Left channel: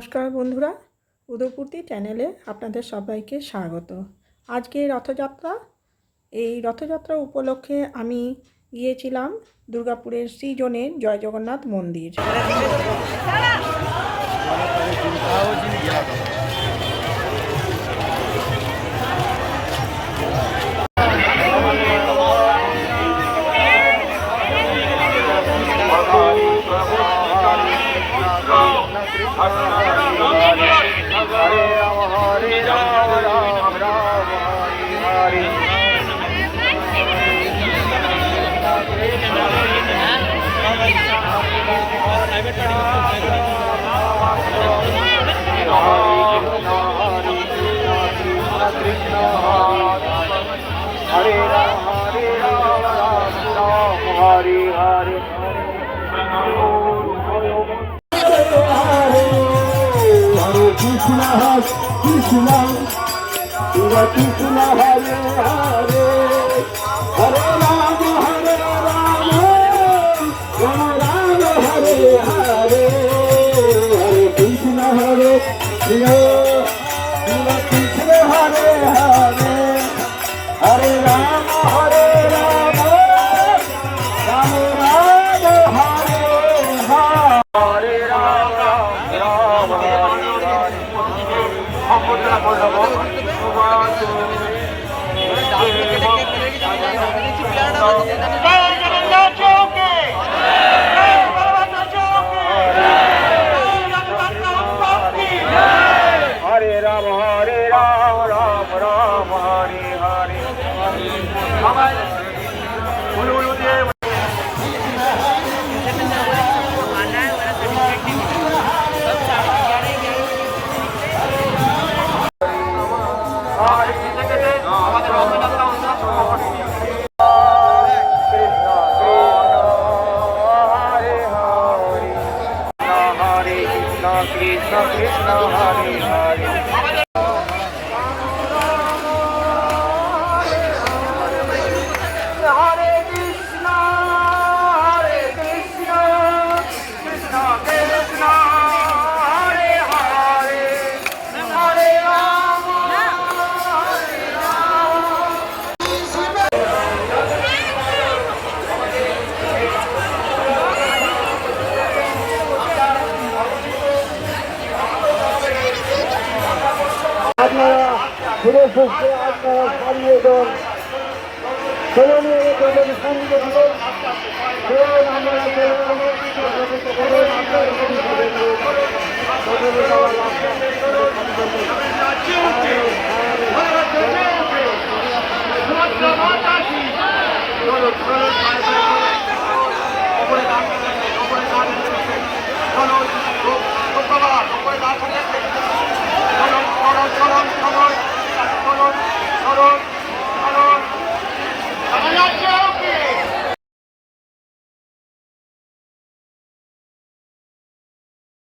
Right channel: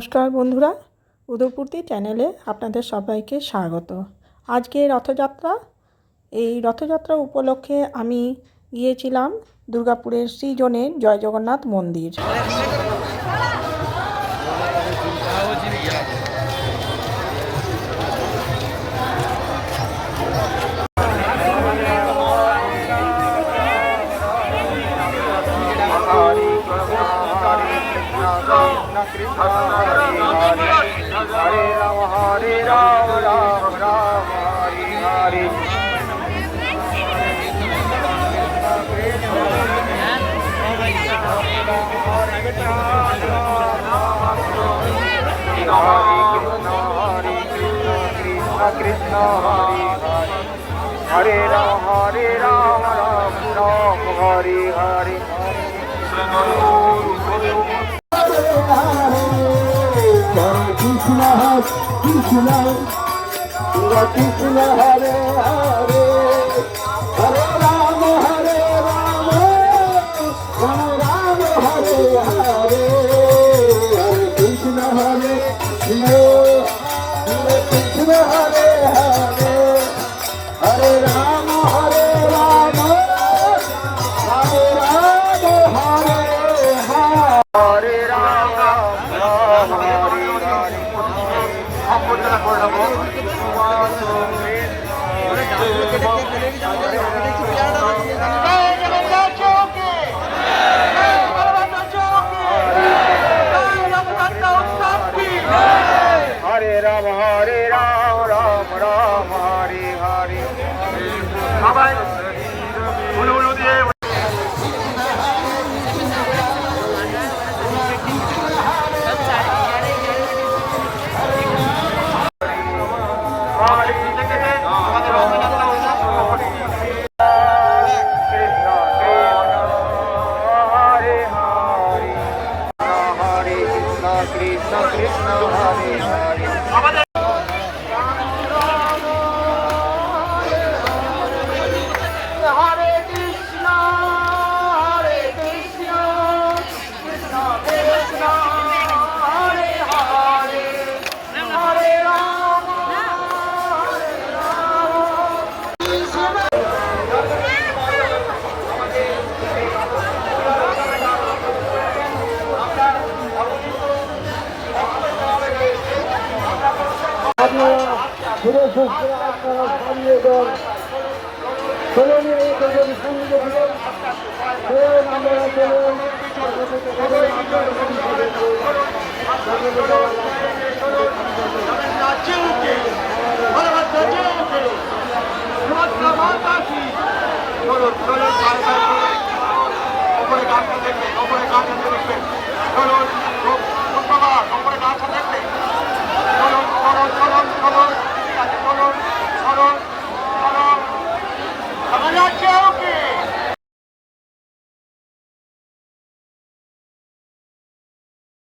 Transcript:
নমস্কার বন্ধুরা, উদয়পূর্তি চ্যানেলে আপনাদের সবাইকে স্বাগত। আজকে রথযাত্রা। এই রথযাত্রা উপলক্ষে আমি গিয়েছিলাম দুর্গাপুরের সৃজনের জয় জগন্নাথ মন্দির। हरे राम हरे हरे कृष्ण कृष्ण कृष्ण हरे हरे हरे राम राम हरे हरे हरे कृष्ण हरे कृष्ण हरे हरे हरे राम राम हरे অভ্যর্থনা করে নেব। হরে রাম রাম রাম হরে হরে সবাই উলু উলু দিয়ে আমাদের রথযাত্রা উৎসব শুরু করছি। হরে কৃষ্ণ কৃষ্ণ কৃষ্ণ হরে হরে হরে কৃষ্ণ কৃষ্ণ কৃষ্ণ হরে হরে হরে রাম ফিরে সুস্থ আপনারা ছাড়িয়ে দেন চলুন ওপরে গাছ দেখবেন, ওপরে গাছ দেখবেন, চলুন ওপরে গাছ দেখবেন, চলুন চলুন চলুন চলুন চলুন চলুন